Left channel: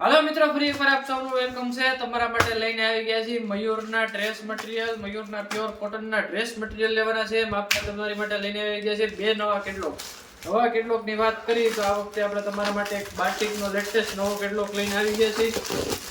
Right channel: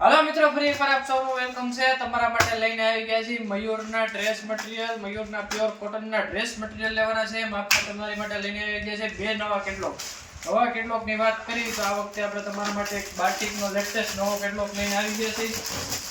Hello मित्रों, ફરી એકવાર આપ સૌનું વેલકમ છે। તમારા માટે લઈને આવી ગયા છે મયુરના ડ્રેસ મટીરીયલ, મયુરના પ્યોર કોટનના ડ્રેસ મટીરીયલ લેવાના છે। આપણે તમારી માટે લઈને આવી ગયા છે બે નવા કેટલોગ। નવા કેટલોગની વાત કરી તો આ વખતે આપણે તમારા માટે એક બાટિકનો લેટેસ્ટ નવો કેટલોગ લઈને આવી ગયા છીએ।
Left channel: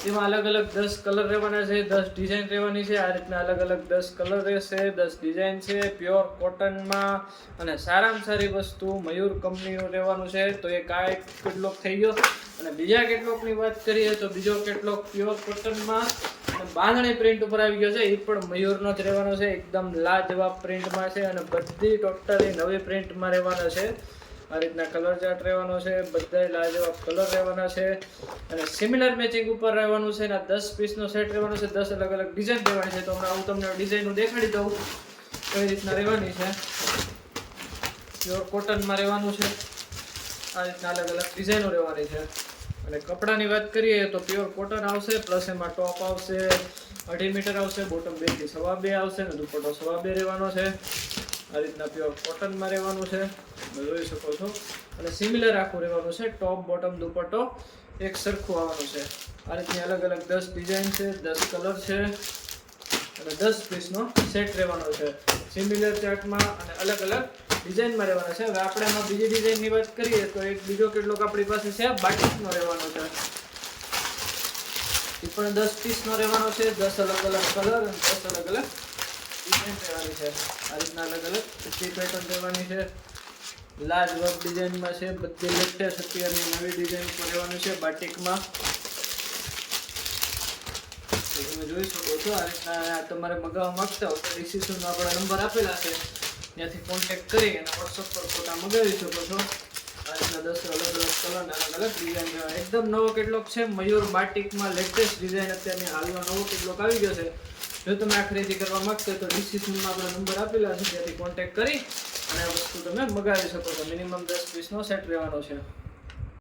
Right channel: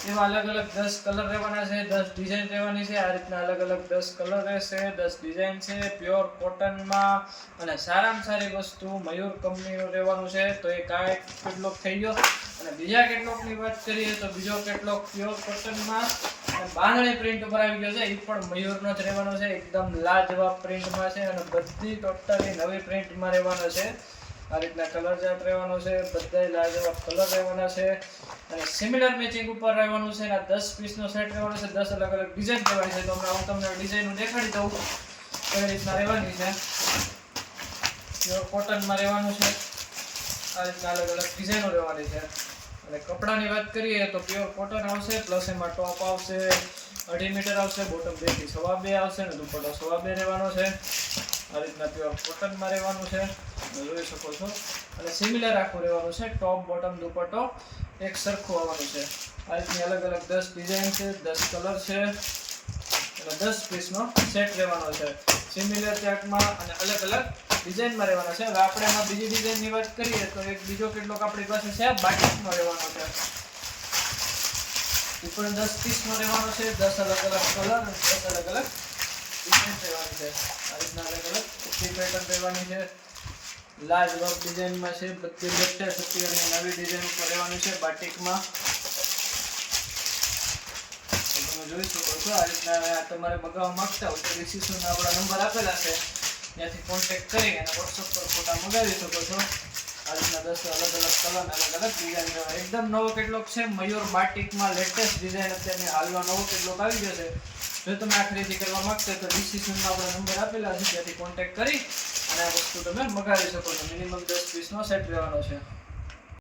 એમાં અલગ અલગ 10 કલર રહેવાના છે, 10 ડિઝાઇન રહેવાની છે। આ રીતના અલગ અલગ 10 કલર રહેશે, 10 ડિઝાઇન છે, પ્યોર કોટનમાં અને સારામાં સારી વસ્તુ મયુર કંપનીનું રહેવાનું છે। તો એક આ એક કેટલોગ થઈ ગયો। અને બીજા કેટલોગની વાત કરીએ તો બીજો કેટલોગ પ્યોર કોટનમાં અને બાંધણી પ્રિન્ટ ઉપર આવી ગયો છે। એ પણ મયુરનો જ રહેવાનો છે, એકદમ લાજવાબ પ્રિન્ટમાં છે અને બધી ટોટલી નવી પ્રિન્ટમાં રહેવાનો છે। આ રીતના કલર ચાર્ટ રહેવાનો છે, બધાય લાજવાબ કલર રહેવાના છે અને સિમિલર મેચિંગ ઉપર રહેવાનું છે અને 10 પીસનો સેટ રહેવાનો છે, 10 અલગ અલગ ડિઝાઇન રહેવાની છે। તો હમણાં હું તમને ડિઝાઇન દેખાડી દઉં કઈ રીતના રહેવાની છે। પ્યોર કોટનમાં રહેવાનું છે, આ રીતના અલગ અલગ ડિઝાઇનો રહેવાની છે। અને કપડાની વાત કરીએ તો પ્યોર કોટન આવશે, પ્લસ એમાં ટોપ આવશે 2.5 મીટર આવશે, બોટમ 2 થી 2.5 આવશે અને દુપટ્ટો 2.5 રહેવાનો છે। આ રીતના પ્યોર કોટનમાં રહેવાનું છે, જોઈ શકો છો। અને સિમિલર આખું રહેવાનું છે, ટોપ બોટમ દુપટ્ટો એક સરખું આવવાનું છે। આ રીતની અલગ અલગ 10 ડિઝાઇન છે, 10 કલર છે અને 10 પીસનો સેટ રહેવાનો છે, સિમિલર ચાર્ટમાં અને અલગ અલગ ડિઝાઇનમાં રહેવાના છે। હવે આપણે એમાં બીજી ડિઝાઇનની વાત કરીએ તો એક બીજો કેટલોગ આપણી પાસે છે બાટિકનો રહેવાનો છે। એ પણ 10 પીસનો રહેવાનો છે, 10 અલગ અલગ કલર અને 10 અલગ અલગ ડિઝાઇન રહેવાની છે। આ રીતના અલગ અલગ ઉચ્ચી પેટર્ન રહેવાની છે, લાજવાબ ડિઝાઇનમાં છે, બધી લેટેસ્ટ અત્યારની નવી ડિઝાઇન ઉપર રહેવાની છે બાટિકમાં। તમે જોઈ શકો છો। આ રીતના તમારે મગાવવા માંગતા હો તો ડિસ્ક્રિપ્શનમાં આપણા નંબર આપેલા છે, ત્યાંથી કોન્ટેક્ટ કરી અને WhatsApp પર ફોટા મંગાવી શકો છો। આ રીતના 10 અલગ અલગ કલર અને અલગ અલગ ડિઝાઇન એકદમ નવો કેટલોગ છે મયુર બાટિકમાં, લેટેસ્ટ ડિઝાઇન અત્યારની હાલમાં નવો કેટલોગ આવી ગયો છે। જો તમે આ ખરીદી કરવા માંગતા હોય તો ડિસ્ક્રિપ્શનમાં આપણા નંબર આપેલા છે, ત્યાંથી કોન્ટેક્ટ કરી અને આ વસ્તુ તમે મંગાવી શકો છો। મિનિમમ 10 પીસનો સેટ રહેવાનો છે।